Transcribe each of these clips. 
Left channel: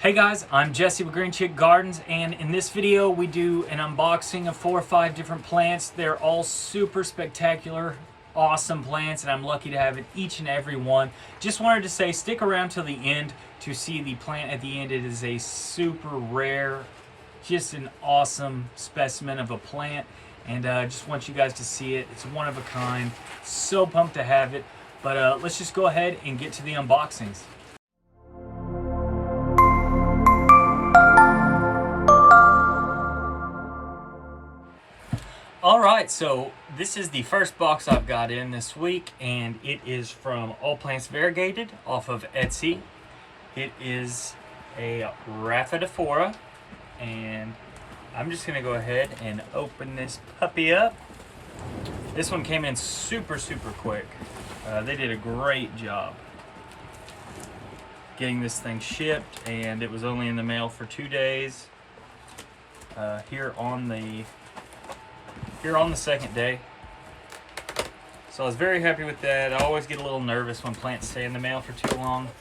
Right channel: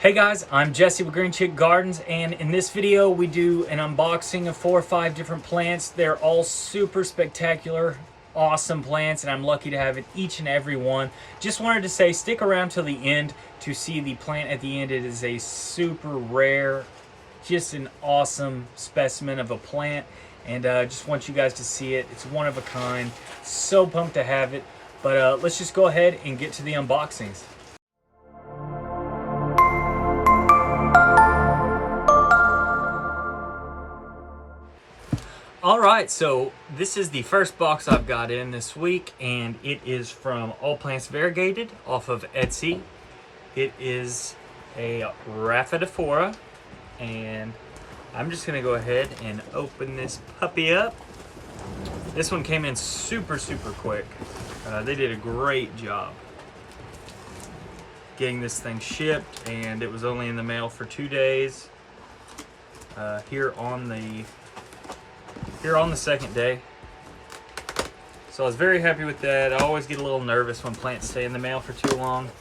Hey guys, I'm Jesse with Green Chick Gardens, and in this video we do an unboxing of 4 or 5 different plants. They're all super spectacular, awesome plants, and I'm lucky to have each and every one. Just wanted to say, stick around till the end to see the plant at the end. It is a super rare, just an awesome specimen of a plant, and just want you guys to see it. It's one of a kind. So pumped to have it, but let's just go ahead and get to the unboxings. Alright, so this is the first box I've got in this week, and it is from All Plants Variegated off of Etsy. It is a Rhaphidophora, and I'm just going to go ahead and open this puppy up. This one came in super quick. They did a great job getting this thing shipped, and it was only in the mail for 2 days. Here on the second day. So I was very happy with that. I always get a little nervous when plants stay in the mail for too long,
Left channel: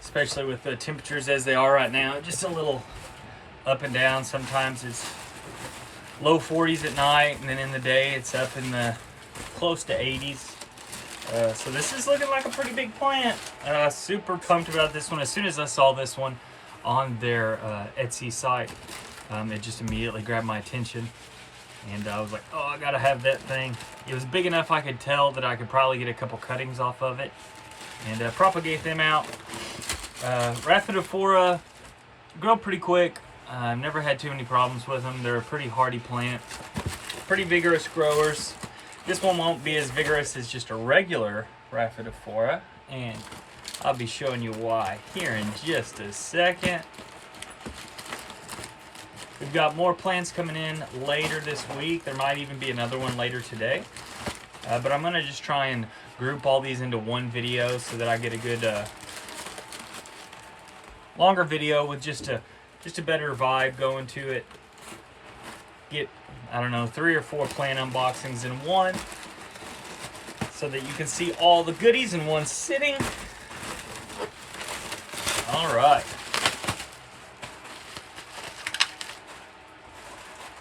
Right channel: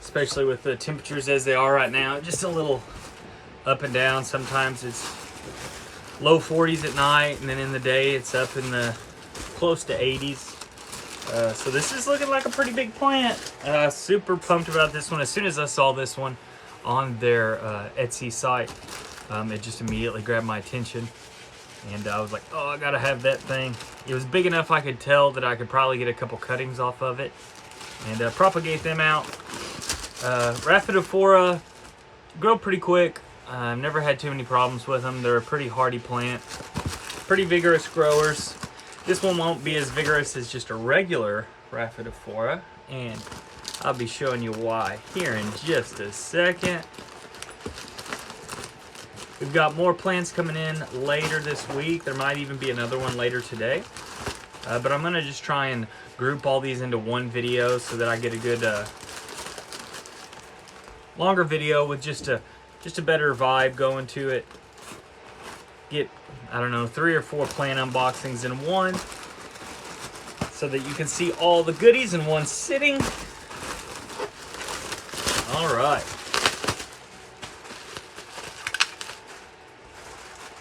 especially with the temperatures as they are right now. Just a little up and down. Sometimes it's low 40s at night, and then in the day it's up in the close to 80s. So this is looking like a pretty big plant. Super pumped about this one. As soon as I saw this one on their Etsy site, it just immediately grabbed my attention, and I was like, oh, I gotta have that thing. It was big enough I could tell that I could probably get a couple cuttings off of it and propagate them out. Rhaphidophora grow pretty quick. I've never had too many problems with them. They're a pretty hardy plant, pretty vigorous growers. This one won't be as vigorous as just a regular Rhaphidophora, and I'll be showing you why here in just a second. We've got more plants coming in later this week. There might even be another one later today. But I'm gonna just try and group all these into one video so that I get a good longer video with just a better vibe going to it. Get, I don't know, 3 or 4 plant unboxings in one so that you can see all the goodies in one sitting. All right.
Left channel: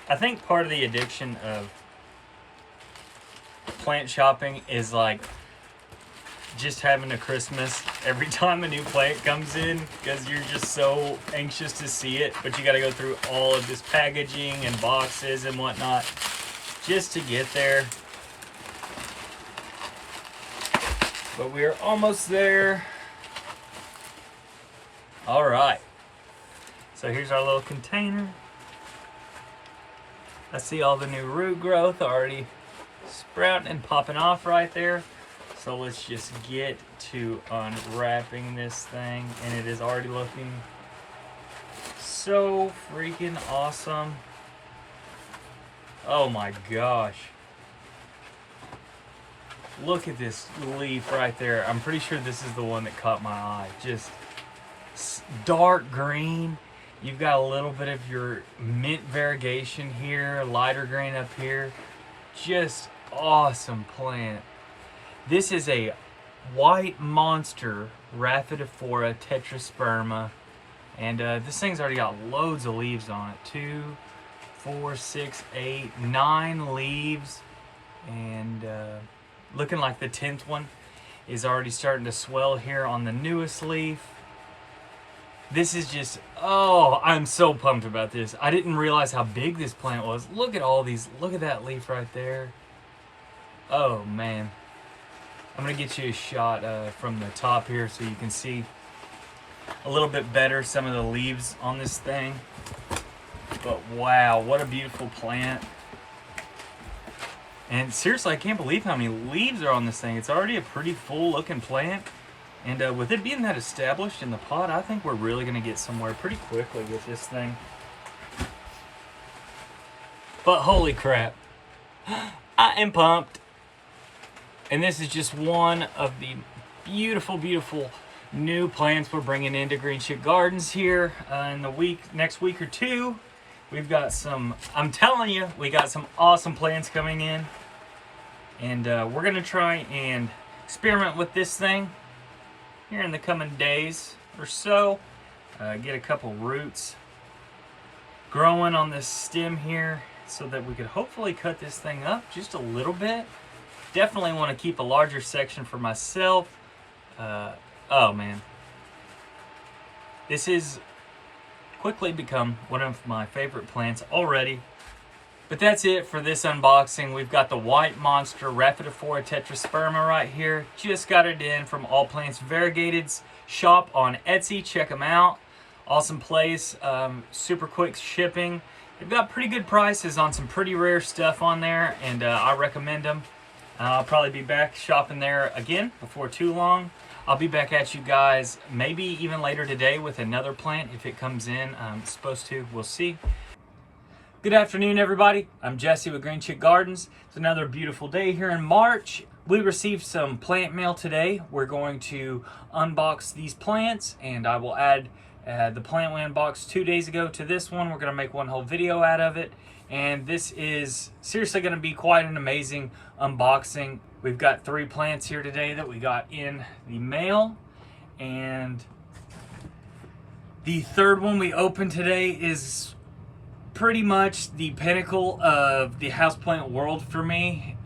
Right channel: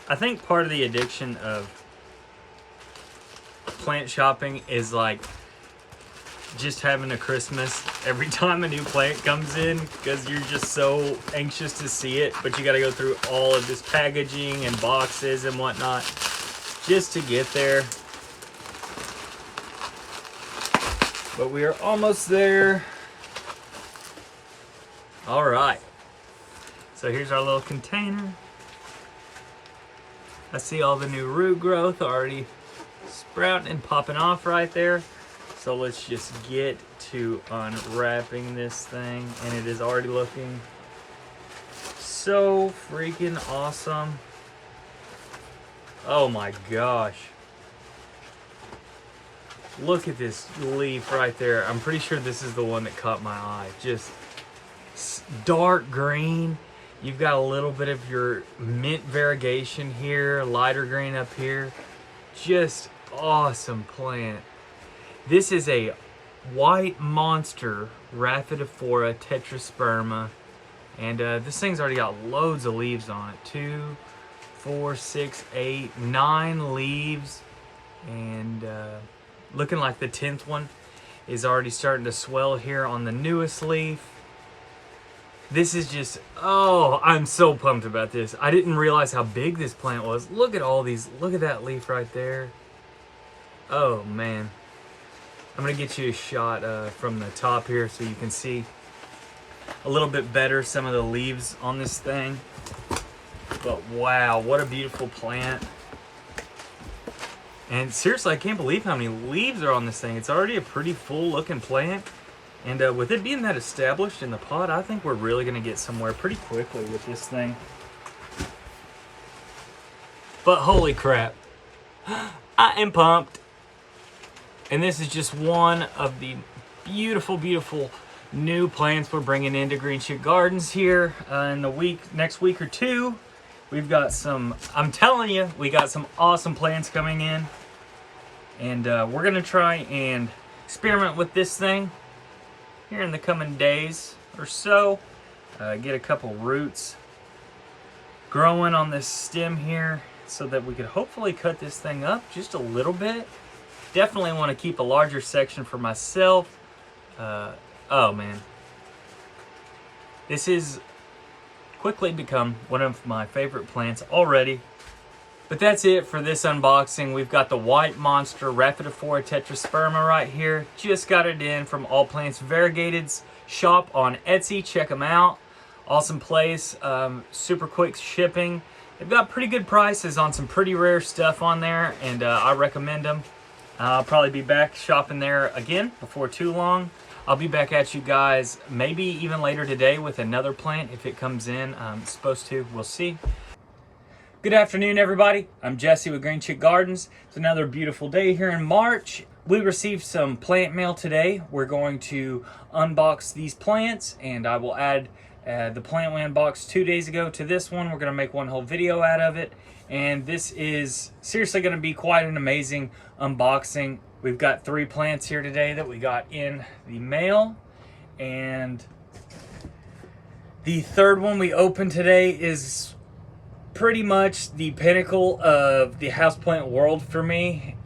I think part of the addiction of plant shopping is like just having a Christmas every time a new plant comes in, because you're just so anxious to see it, but you got to go through all of this packaging and boxes and whatnot just to get there. But we are almost there. All right. So here's our little container. I see all the new root growth already sprouting and popping off right there. So let's just get to unwrapping this thing, and it is already looking so freaking awesome. Oh my gosh. Look at this leaf right there. I'm pretty sure this is the one that caught my eye. Just dark green. You've got a little bit of your mint variegation here, lighter green up here. Just awesome plant. This is a white monster Rhaphidophora tetrasperma, and this thing's already got loads of leaves on it. 2, 4, 6, 8, 9 leaves, and looking like the 10th one is already starting to swell here on the newest leaf. This is just, oh, I'm so pumped about this. I didn't realize how big this plant was. Look at all these, look at that leaf right there. Oh man. I'm gonna get you a shot from the top here so you can see a little bit better some of the leaves on this thing. But wow, what a beautiful plant. And seriously, I can't believe how many leaves are on this thing. It's already a pretty full looking plant. And with it being that established in the pot, I think we're really going to get somewhere pretty quickly with this thing. But holy crap, I am pumped. And this is just one of the beautiful new plants we're bringing into Green Chick Gardens here in the next week or two. We've got some, I'm telling you, we got some awesome plants coming in. And we're going to try and experiment with this thing here in the coming days. or so. Get a couple roots growing on this stem here so that we could hopefully cut this thing up just a little bit. Definitely want to keep a larger section for myself. Oh man, this has quickly become one of my favorite plants already. But that's it for this unboxing. We've got the white monster Rhaphidophora tetrasperma right here. Just got it in from All Plants Variegated's shop on Etsy. Check them out. Awesome place, super quick shipping. They've got pretty good prices on some pretty rare stuff on there, and I recommend them. I'll probably be back shopping there again before too long. I'll be back at you guys maybe even later today with another plant if it comes in. It's supposed to, we'll see. Good afternoon, everybody. I'm Jesse with Green Chick Gardens. It's another beautiful day here in March. We received some plant mail today. We're going to unbox these plants, and I will add the plant we unboxed 2 days ago to this one. We're going to make one whole video out of it, and this is seriously going to be quite an amazing unboxing. We've got 3 plants here today that we got in the mail, and the third one we opened today is pretty much the pinnacle of the houseplant world for me.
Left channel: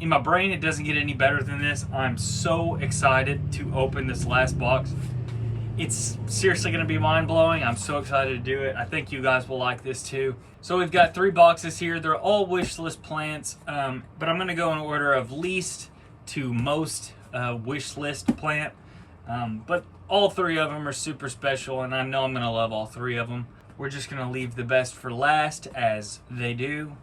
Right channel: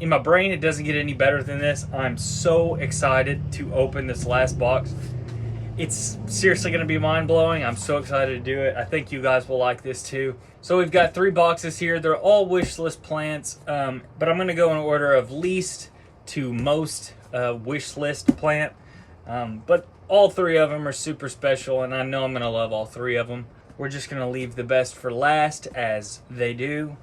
In my brain, it doesn't get any better than this. I'm so excited to open this last box. It's seriously going to be mind-blowing. I'm so excited to do it. I think you guys will like this too. So we've got 3 boxes here. They're all wish list plants, but I'm going to go in order of least to most wish list plant. But all 3 of them are super special, and I know I'm going to love all 3 of them. We're just going to leave the best for last, as they do.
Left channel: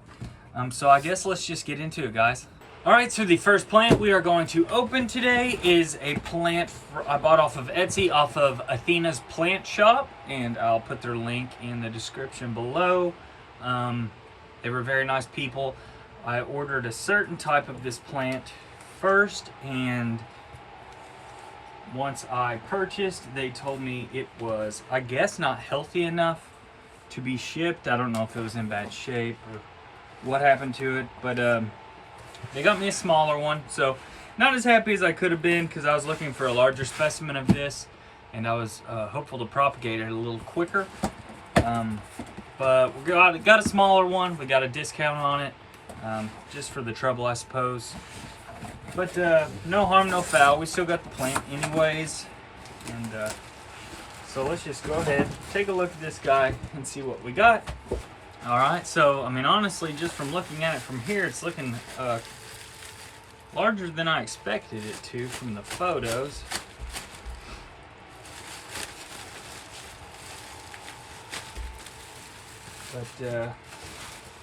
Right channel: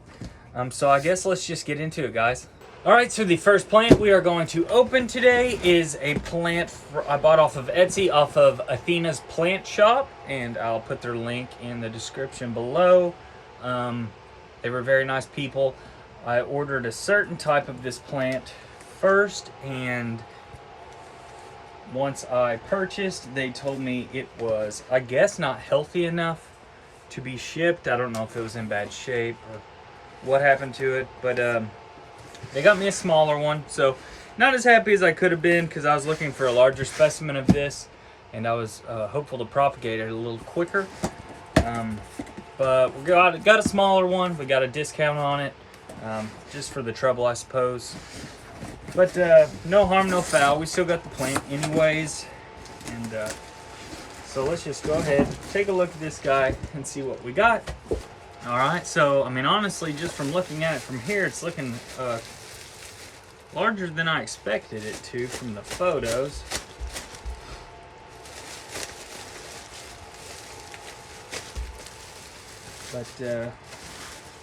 So I guess let's just get into it, guys. All right, so the first plant we are going to open today is a plant I bought off of Etsy, off of Athena's Plant Shop, and I'll put their link in the description below. They were very nice people. I ordered a certain type of this plant first, and once I purchased, they told me it was, I guess, not healthy enough to be shipped. I don't know if it was in bad shape or what happened to it, but they got me a smaller one, so not as happy as I could have been because I was looking for a larger specimen of this, and I was hopeful to propagate it a little quicker. But we got a smaller one. We got a discount on it, just for the trouble, I suppose. But no harm, no foul. We still got the plant anyways, and so let's just go ahead, take a look at this guy and see what we got. All right, so I mean, honestly, just from looking at it from here, it's looking larger than I expected it to from the photos. But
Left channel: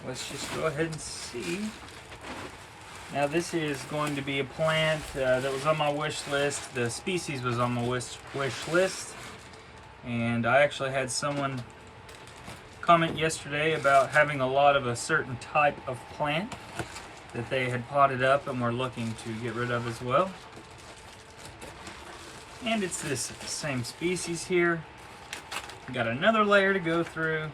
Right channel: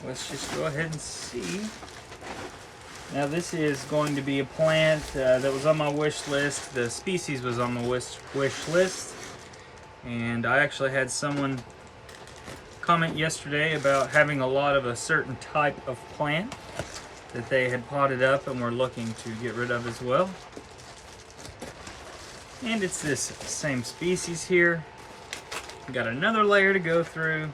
let's just go ahead and see. Now this is going to be a plant that was on my wish list. The species was on my wish list, and I actually had someone comment yesterday about having a lot of a certain type of plant that they had potted up and were looking to get rid of as well. And it's this same species here. We got another layer to go through.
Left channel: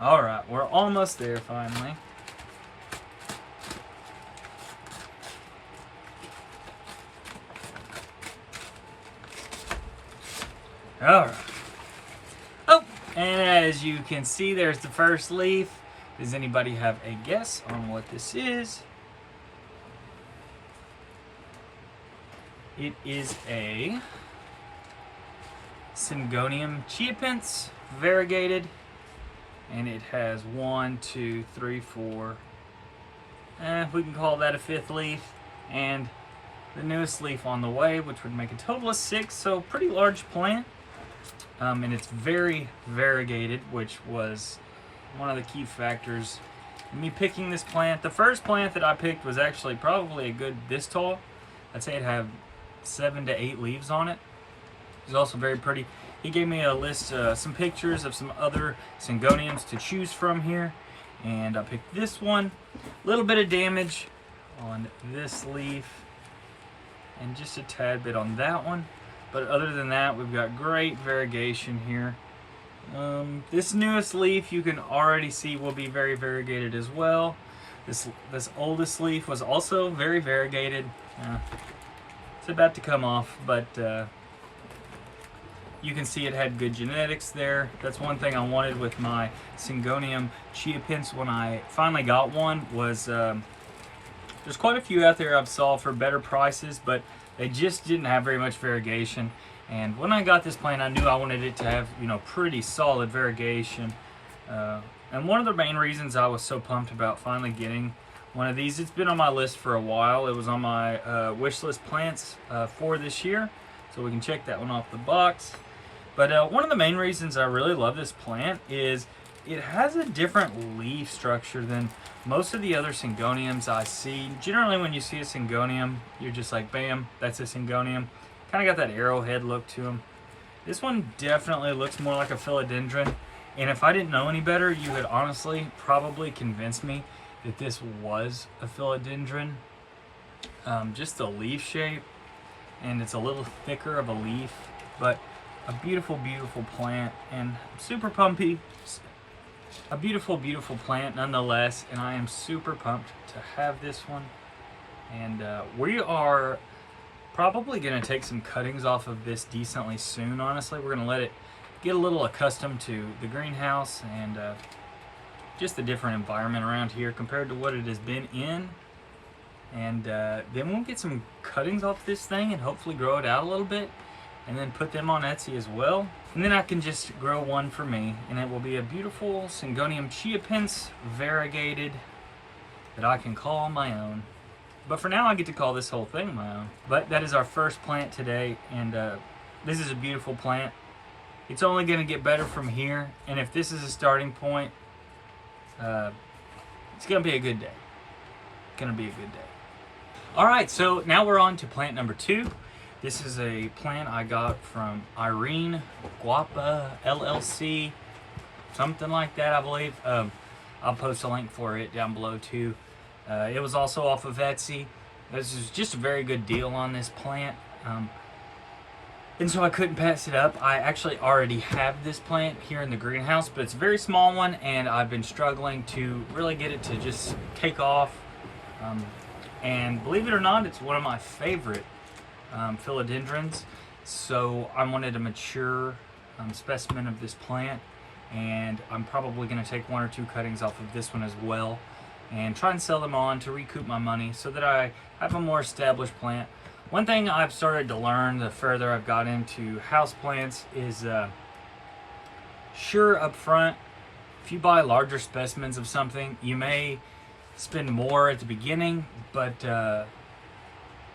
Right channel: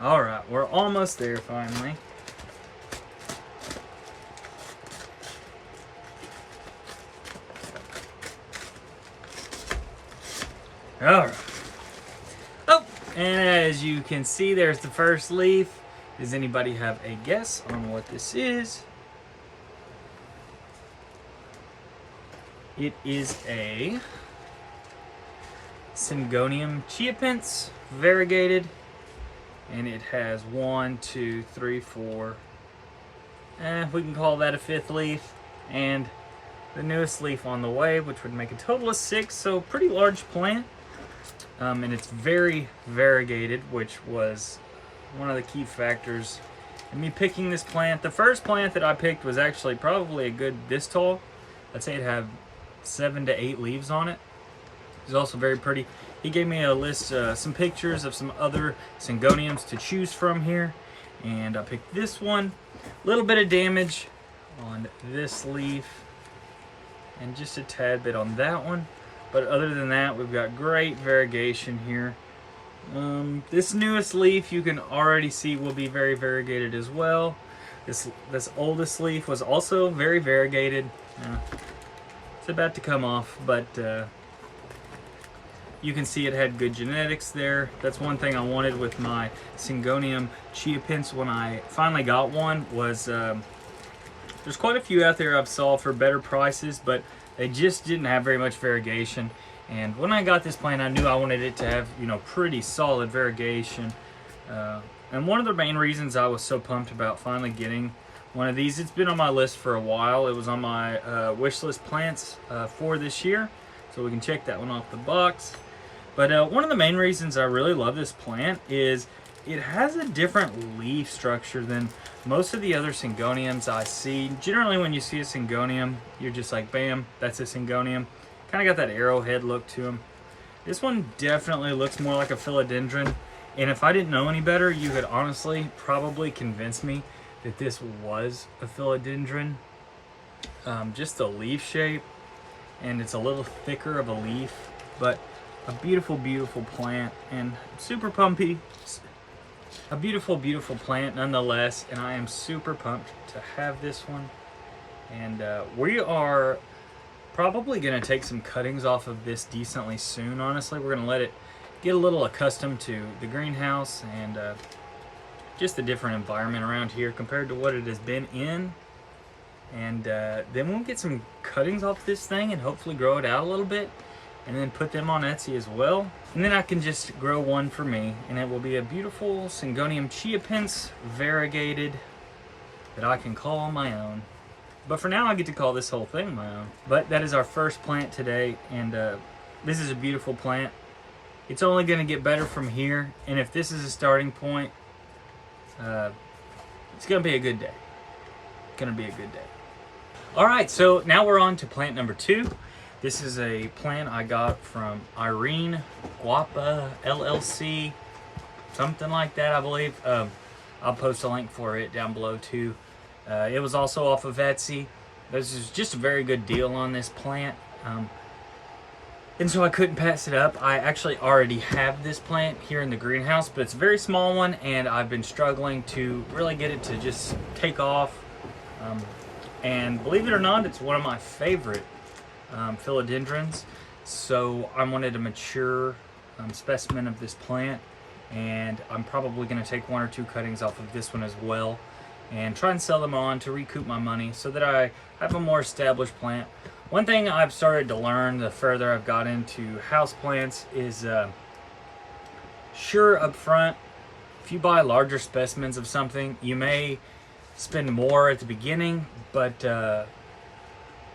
All right, we're almost there finally. All right. Oh, and as you can see, there's the first leaf. Does anybody have a guess on what this is? It is a Syngonium chiapince, variegated, and it has 1, 2, 3, 4. We can call that a 5th leaf, and the newest leaf on the way, which would make a total of 6. So pretty large plant. And it's very variegated, which was one of the key factors in me picking this plant. The first plant that I picked was actually probably a good this tall. I'd say it had 7 to 8 leaves on it. It's also very pretty. He gave me a list, some pictures of some other Syngoniums to choose from here, and I picked this one. A little bit of damage on this leaf, and just a tad bit on that one. But other than that, we've got great variegation here. This newest leaf you can already see will be very variegated as well. This oldest leaf was also very variegated. It's about to come off, but you can see it had good genetics there. That's one thing I wanted with my Syngonium chia pins when I finally got one was there's quite a few out there I've saw for better prices, but they just didn't have very much variegation. And when I got this plant, I knew I wanted it to have, you know, pretty solid variegation. And one of the main reasons I was so pumped about finally getting one of these, it's been on my list for a while. It was on my wish list plants for this year, so we can check that one off the box. But one of the main reasons I really love this plant is it has a different leaf structure than most of the other Syngoniums I see. Generally, when you see a Syngonium, you're just like, bam, that's a Syngonium. Kind of got that arrowhead look to them. This one definitely looks more like a Philodendron. And if I didn't know any better, you could honestly probably convince me that this was a Philodendron. Just the leaf shape, and it's a little thicker of a leaf, but a beautiful, beautiful plant, and super pumpy. A beautiful, beautiful plant nonetheless, and I am super pumped to have this one. And we are probably going to take some cuttings off of this decently soon. Honestly, we're going to let it get a little accustomed to the greenhouse and just the different environment around here compared to what it has been in. And then we'll get some cuttings off this thing and hopefully grow it out a little bit, and then put them on Etsy as well. And then I can just grow one for me, and it will be a beautiful Syngonium chia pins variegated that I can call my own. But for now, I get to call this whole thing my own. But that is our first plant today, and this is a beautiful plant. It's only going to get better from here, and if this is a starting point, it's going to be a good day. It's going to be a good day. All right, so now we're on to plant number 2. This is a plant I got from Irene Guapa LLC, something like that, I believe. I'll post a link for it down below too. It was also off of Etsy. This is just a very good deal on this plant. And so I couldn't pass it up. I actually already have this plant here in the greenhouse, but it's a very small one, and I've been struggling to really get it to just take off. And believe it or not, it's one of my favorite philodendrons. So I wanted a mature specimen of this plant, and I'm probably going to take 1 or 2 cuttings off of this one as well and try and sell them on to recoup my money so that I have a more established plant. One thing I've started to learn the further I've got into houseplants is sure, up front, if you buy larger specimens of something, you may spend more at the beginning, but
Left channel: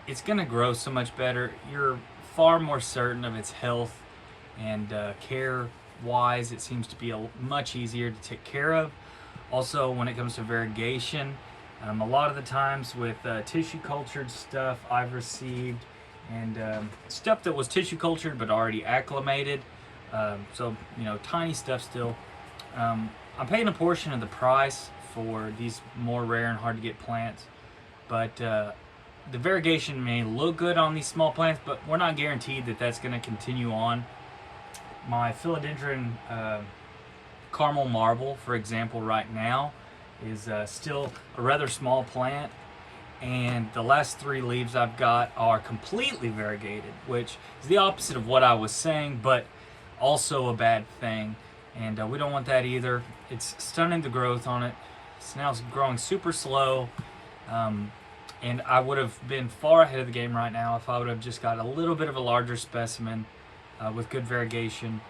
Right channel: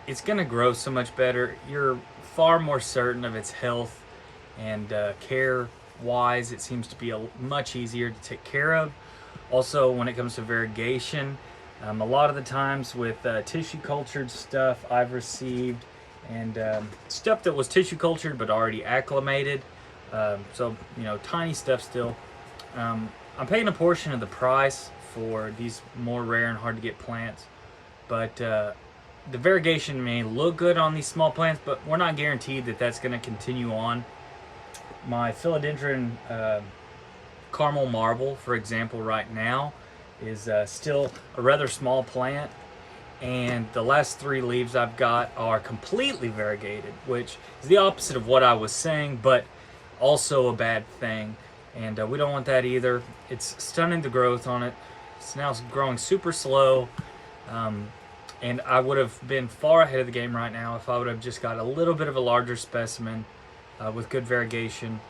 it's going to grow so much better. You're far more certain of its health, and care wise it seems to be much easier to take care of. Also, when it comes to variegation, a lot of the times with tissue cultured stuff I've received, and stuff that was tissue cultured but already acclimated, so you know, tiny stuff still, I'm paying a portion of the price for these more rare and hard to get plants, but the variegation may look good on these small plants, but we're not guaranteed that that's going to continue on. My Philodendron caramel marble, for example, right now is still a rather small plant, and the last 3 leaves I've got are completely variegated, which is the opposite of what I was saying, but also a bad thing, and we don't want that either. It's stunning the growth on it. It's now growing super slow, and I would have been far ahead of the game right now if I would have just got a little bit of a larger specimen with good variegation.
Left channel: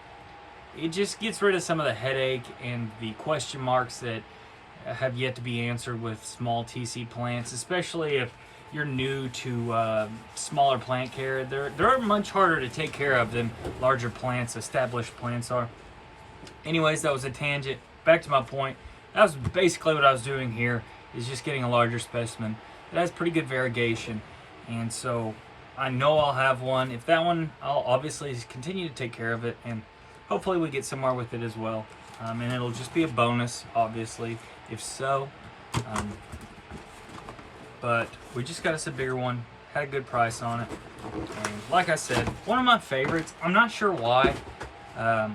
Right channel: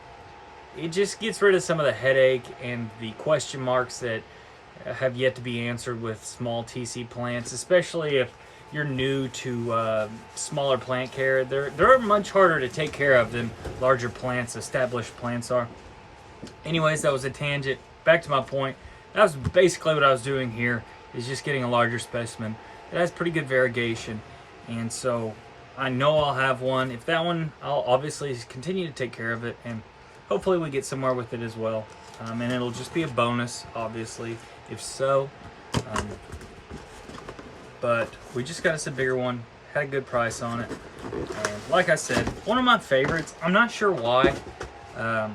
It just gets rid of some of the headache and the question marks that have yet to be answered with small TC plants, especially if you're new to smaller plant care. They're much harder to take care of than larger plants, established plants are. Anyways, that was a tangent. Back to my point. That was basically what I was doing here, is just getting a larger specimen. It has pretty good variegation, and so I know I'll have one. If that one, I'll obviously continue to take care of it, and hopefully we get somewhere with it as well. And it'll just be a bonus, obviously, if so. But we just got us a bigger one, had a good price on it. And like I said, one of my favorites. I'm not sure why. I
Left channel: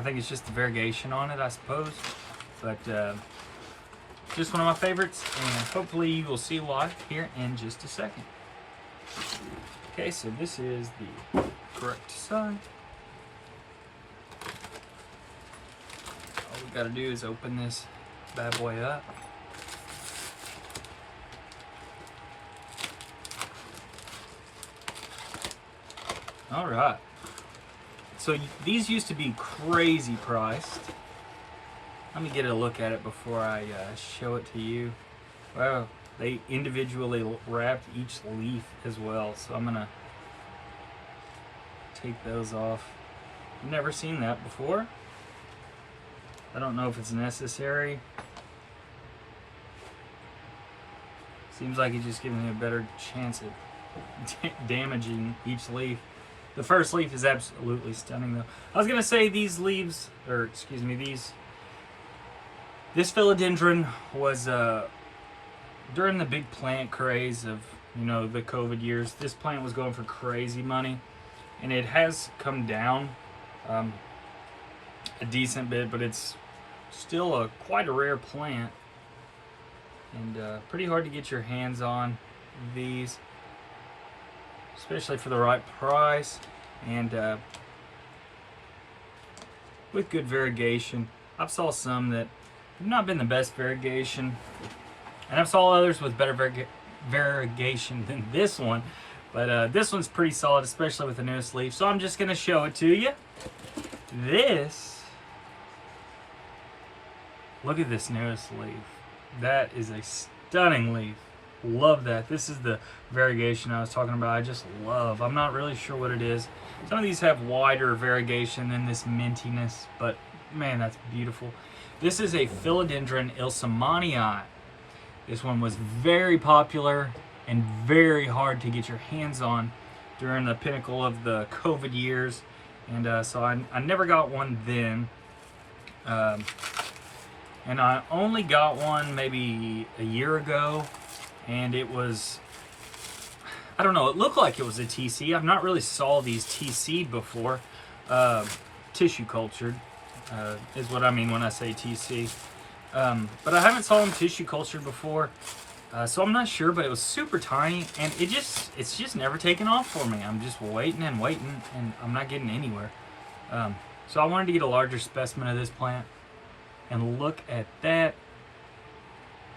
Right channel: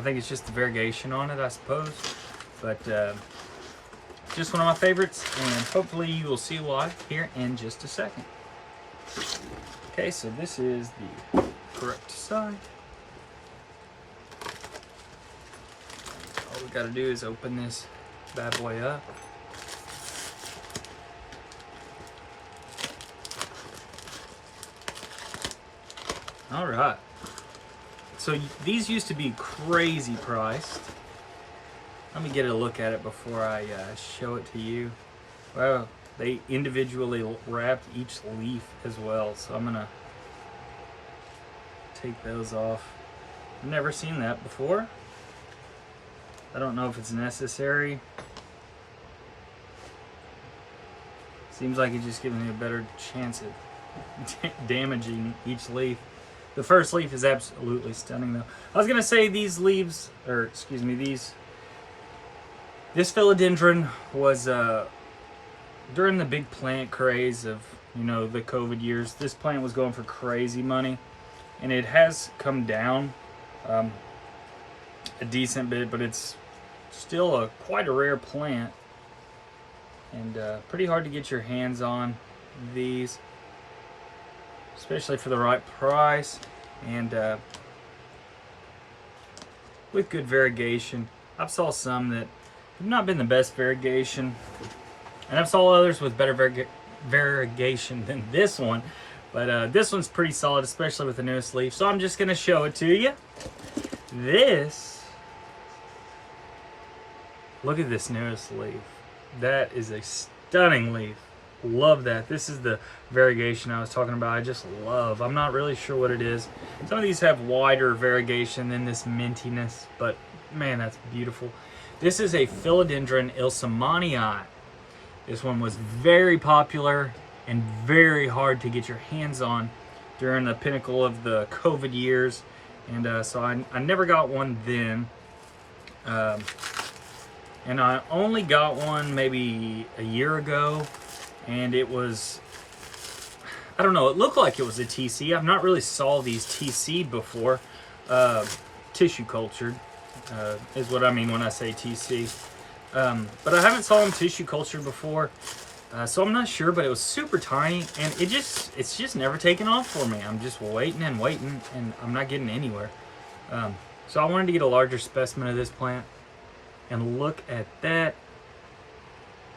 think it's just the variegation on it, I suppose. But just one of my favorites, and hopefully you will see why here in just a second. Okay, so this is the correct side. All we gotta do is open this bad boy up. All right. So these used to be crazy priced. Let me get a look at it before I show it to you. Wow, they individually wrapped each leaf as well. So I'm gonna take those off. I've never seen that before. I don't know if it's necessary. Seems like it just gives me a better chance at damaging each leaf. The first leaf is absolutely stunning though. I was gonna say these leaves, or excuse me, this philodendron was during the big plant craze of, you know, the COVID years. This plant was going for crazy money, and it has come down a decent bit, but it's still quite a rare plant, and pretty hard to get your hands on these, especially for the right price and with good variegation. I've saw some that have not been the best variegation, and I've saw others with better variegation than this one, but this one's pretty solid, especially with the newest leaf. So I'm just gonna show it to you. Look at this newest leaf. That is a stunning leaf. Love that. This is the variegation I was talking about. I just love. I'm not really sure what it is. Some of these have wider variegation than this mintiness, but man, that's beautiful. This is a Philodendron ilsemanii. This one was very popular and very hard to get your hands on during the pinnacle of the COVID years, and so I never got one then. And I only got one maybe a year ago, and it was, I don't know, it looked like it was a TC. I've not really saw these TC'd before. Tissue cultured is what I mean when I say TC. But I haven't saw them tissue cultured before, so I'm not sure, but it was super tiny, and it's just never taken off for me. I'm just waiting and waiting, and I'm not getting anywhere. So I wanted to get a larger specimen of this plant, and look at that.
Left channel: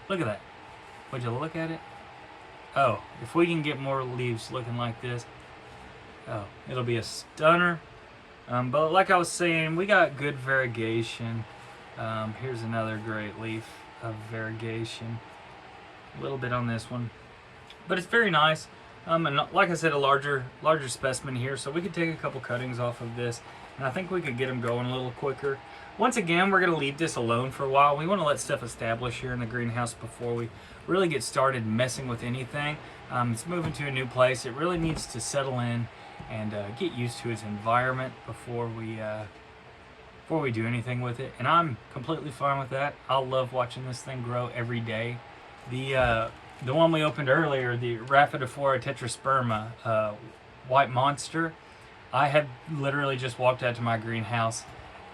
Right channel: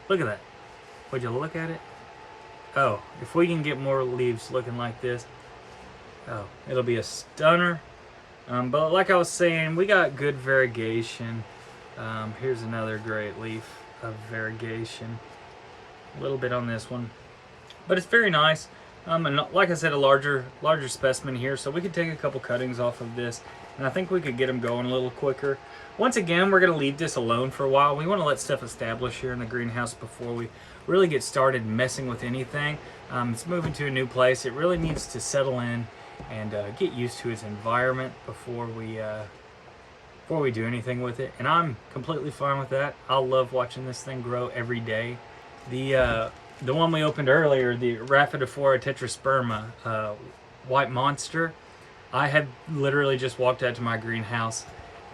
Look at that. Would you look at it? Oh, if we can get more leaves looking like this, oh, it'll be a stunner. But like I was saying, we got good variegation. Here's another great leaf of variegation. A little bit on this one, but it's very nice. And like I said, a larger specimen here, so we could take a couple cuttings off of this, and I think we could get them going a little quicker. Once again, we're going to leave this alone for a while. We want to let stuff establish here in the greenhouse before we really get started messing with anything. It's moving to a new place. It really needs to settle in and get used to its environment before we do anything with it. And I'm completely fine with that. I love watching this thing grow every day. The one we opened earlier, the Rhaphidophora tetrasperma white monster, I have literally just walked out to my greenhouse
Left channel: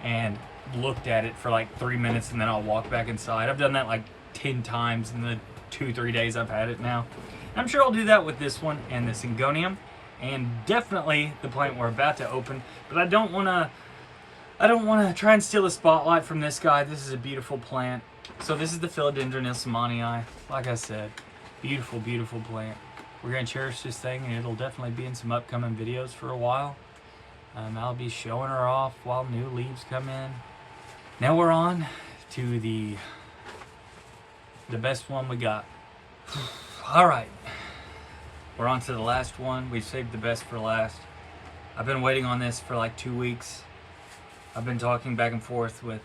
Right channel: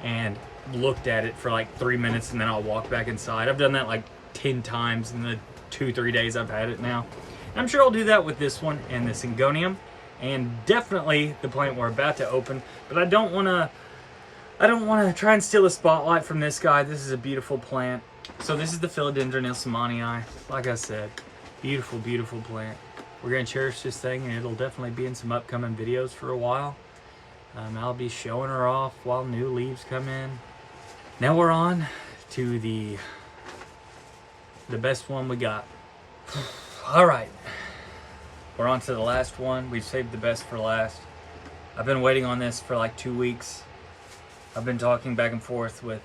and looked at it for like 3 minutes, and then I'll walk back inside. I've done that like 10 times in the 2-3 days I've had it now. I'm sure I'll do that with this one and the Syngonium, and definitely the plant we're about to open. But I don't want to try and steal a spotlight from this guy. This is a beautiful plant. So this is the Philodendron ilsemanii. Like I said, beautiful, beautiful plant. We're going to cherish this thing, and it'll definitely be in some upcoming videos for a while. I'll be showing her off while new leaves come in. Now we're on to the best one we got. All right, we're on to the last one. We've saved the best for last. I've been waiting on this for like 2 weeks. I've been talking back and forth with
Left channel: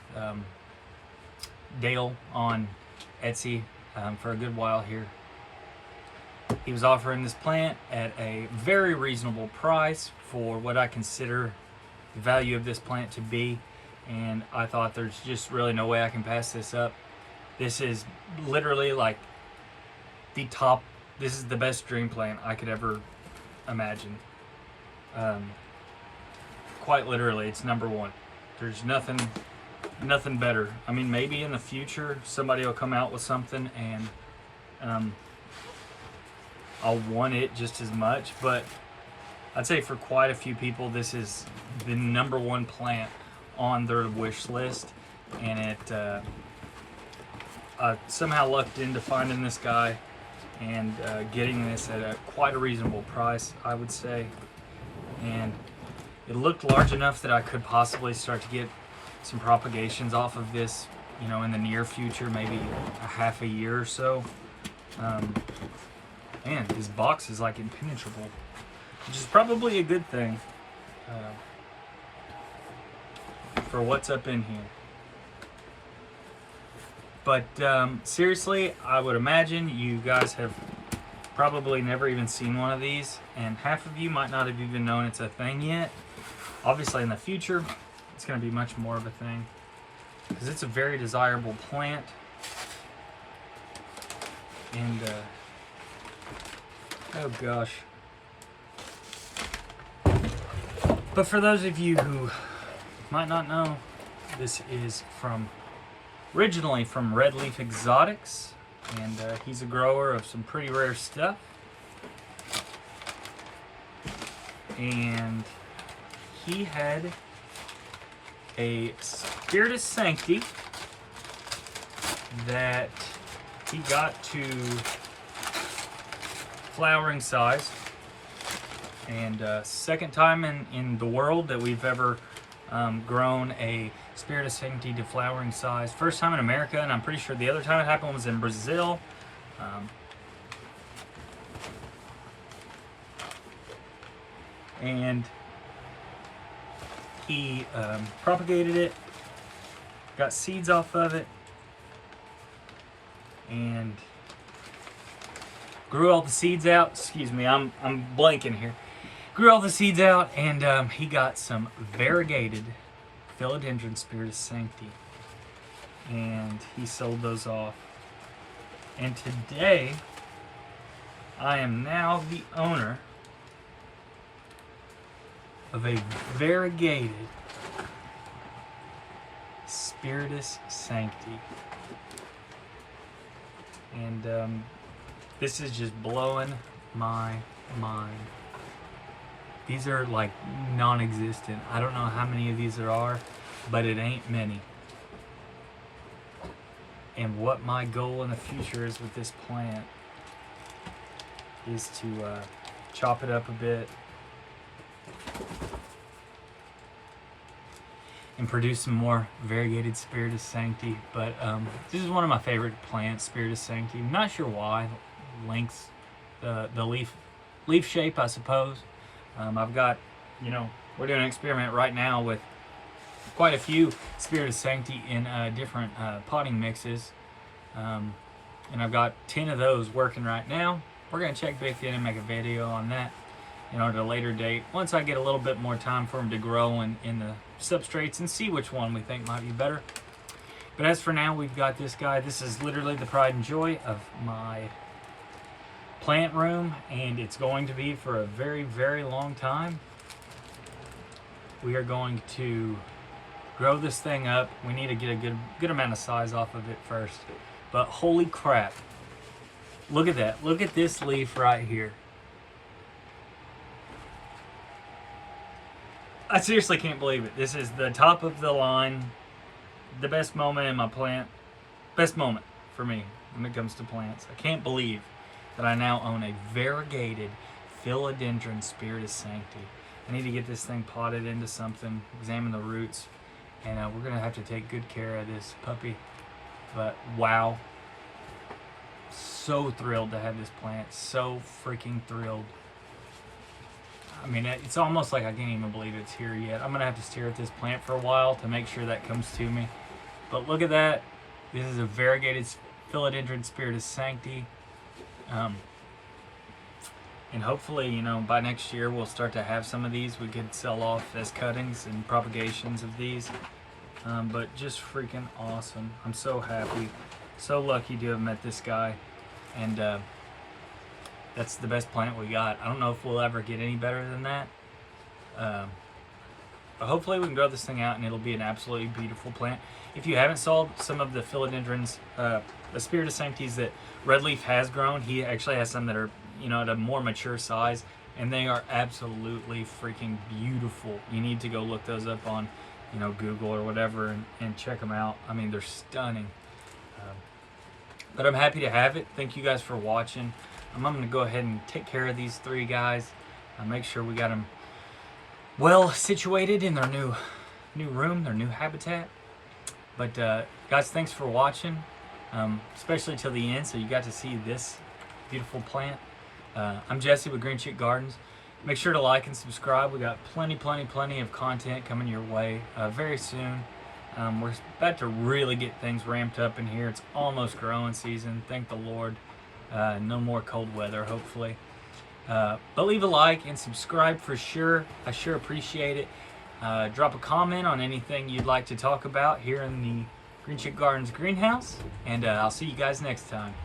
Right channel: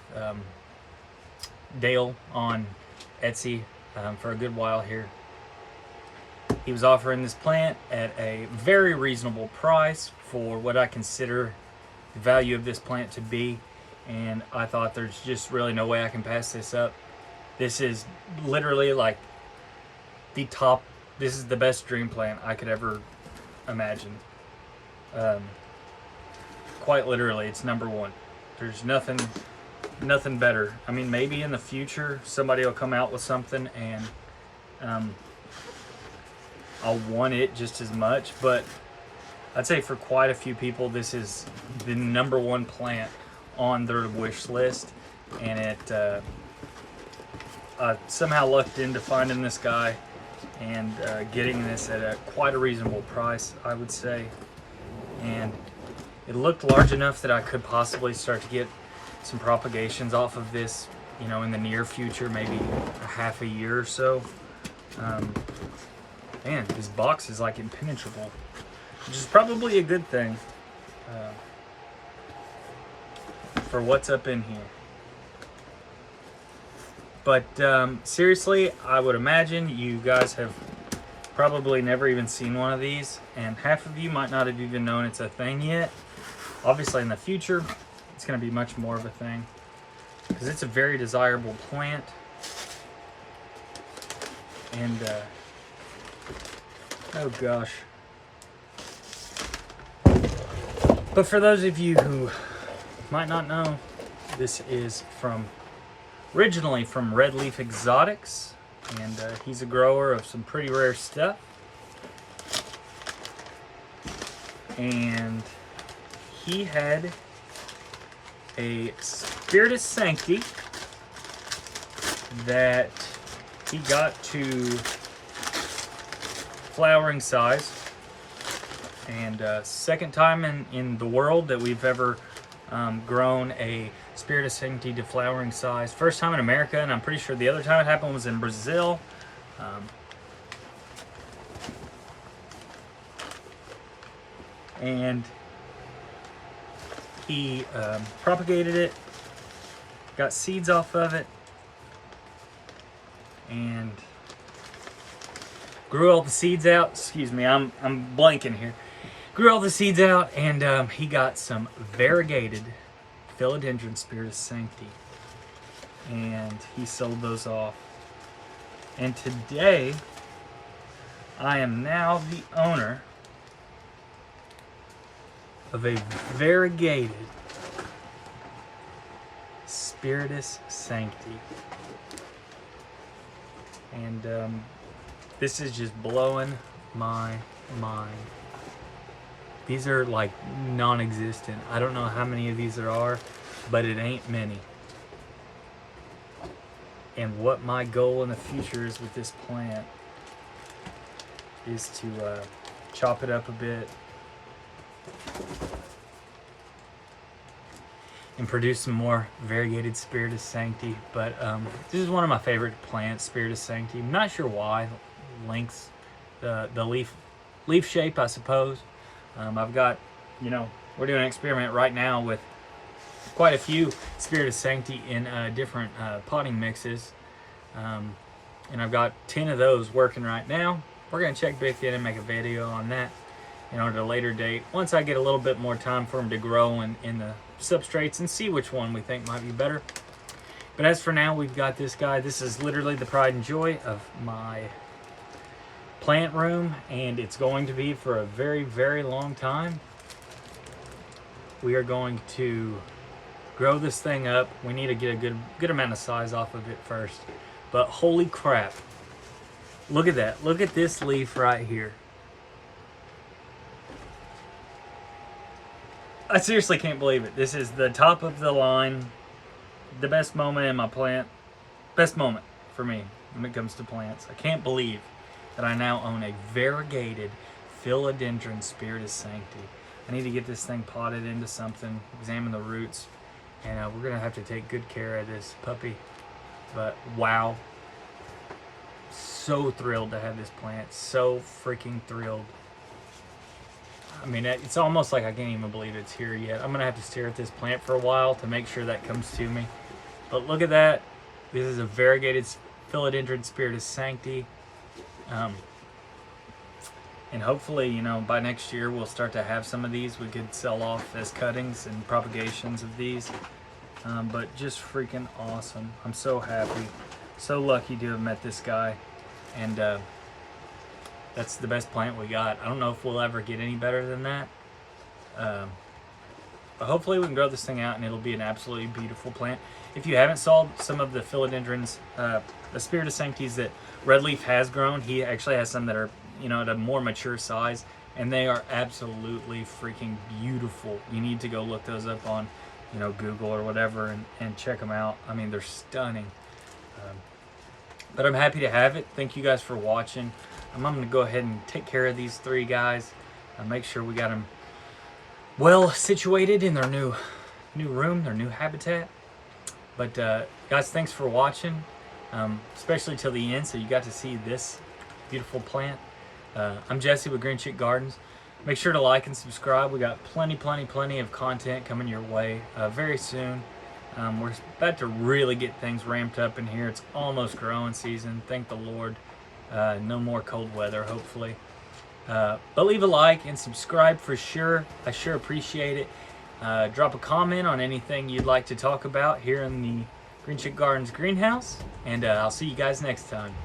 Dale on Etsy for a good while here. He was offering this plant at a very reasonable price for what I consider the value of this plant to be, and I thought there's just really no way I can pass this up. This is literally like the top, this is the best dream plant I could ever imagine. Quite literally, it's number one. There's nothing nothing better. I mean, maybe in the future somebody will come out with something and I'll want it just as much, but I'd say for quite a few people this is the #1 plant on their wish list, and it I somehow lucked into finding this guy and getting this at quite a reasonable price, I would say. And it looked large enough that I could possibly start to get some propagations off of this, you know, in the near future, maybe a half a year or so. Man, this box is like impenetrable, which is probably a good thing for what's up in here. But seriously, I would imagine you guys have probably never even seen one of these, and half of you might not have even known it's a thing yet. Obviously in the future, it's going to be much more of a thing, because it's a very desirable plant. And oh gosh. But for those of you who might not know, this is originally from Red Leaf Exotics, and he's a grower of some pretty rare stuff. And he had a Spiritus Sancti that he got to flowering size, and second time in the world that we've ever grown a Spiritus Sancti to flowering size. First time in America, and I'm pretty sure the other time it happened was in Brazil. And he propagated it, got seeds off of it, and grew all the seeds out. Excuse me, I'm blanking here. Grew all the seeds out, and he got some variegated Philodendron Spiritus Sancti, and he sold those off. And today, I am now the owner of a variegated Spiritus Sancti. And this is just blowing my mind. These are like non-existent. I don't know how many of these there are, but it ain't many. And what my goal in the future is with this plant is to chop it up a bit and produce some more variegated Spiritus Sancti. But this is one of my favorite plants, Spiritus Sancti. I'm not sure why. Lengths, the leaf shape, I suppose. I've got, you know, we're doing an experiment right now with quite a few Spiritus Sancti in different potting mixes, and I've got 10 of those working right now. We're going to check back in and make a video on that, you know, at a later date, once I get a little bit more time for them to grow in the substrates and see which one we think might be better. But as for now, we've got this guy. This is literally the pride and joy of my plant room, and it's going to be for a very, very long time. We are going to grow this thing up. We need to get a good amount of size off of it first. But holy crap, look at that. Look at this leaf right here. I seriously can't believe it. This is the top of the line, the best moment in my plant, best moment for me when it comes to plants. I can't believe that I now own a variegated Philodendron Spiritus Sancti. I need to get this thing potted into something, examine the roots, and we're going to have to take good care of this puppy. But wow, so thrilled to have this plant, so freaking thrilled. I mean, it's almost like I can't even believe it's here yet. I'm going to have to stare at this plant for a while to make sure that comes to me. But look at that. This is a variegated Philodendron Spiritus Sancti. And hopefully, you know, by next year we'll start to have some of these we could sell off as cuttings and propagations of these. But just freaking awesome. I'm so happy, so lucky to have met this guy, and that's the best plant we got. I don't know if we'll ever get any better than that, but hopefully we can grow this thing out and it'll be an absolutely beautiful plant. If you haven't sold some of the philodendrons, the spiritus sanctis that Red Leaf has grown, he actually has some that are, you know, at a more mature size, and they are absolutely freaking beautiful. You need to go look those up on, you know, Google or whatever, and check them out. I mean, they're stunning. But I'm happy to have it. Thank you guys for watching. I'm going to go ahead and take care of these 3 guys. Make sure we got them well situated in their new room, their new habitat. But guys, thanks for watching, especially till the end, so you got to see this beautiful plant. I'm Jesse with Green Chick Gardens. Make sure to like and subscribe. We got plenty of content coming your way very soon. We're about to really get things ramped up in here. It's almost growing season, thank the Lord. No more cold weather, hopefully. But leave a like and subscribe for sure. I sure appreciate it. Drop a comment on anything you'd like to talk about here in the Green Chick Gardens greenhouse, and I'll see you guys next time.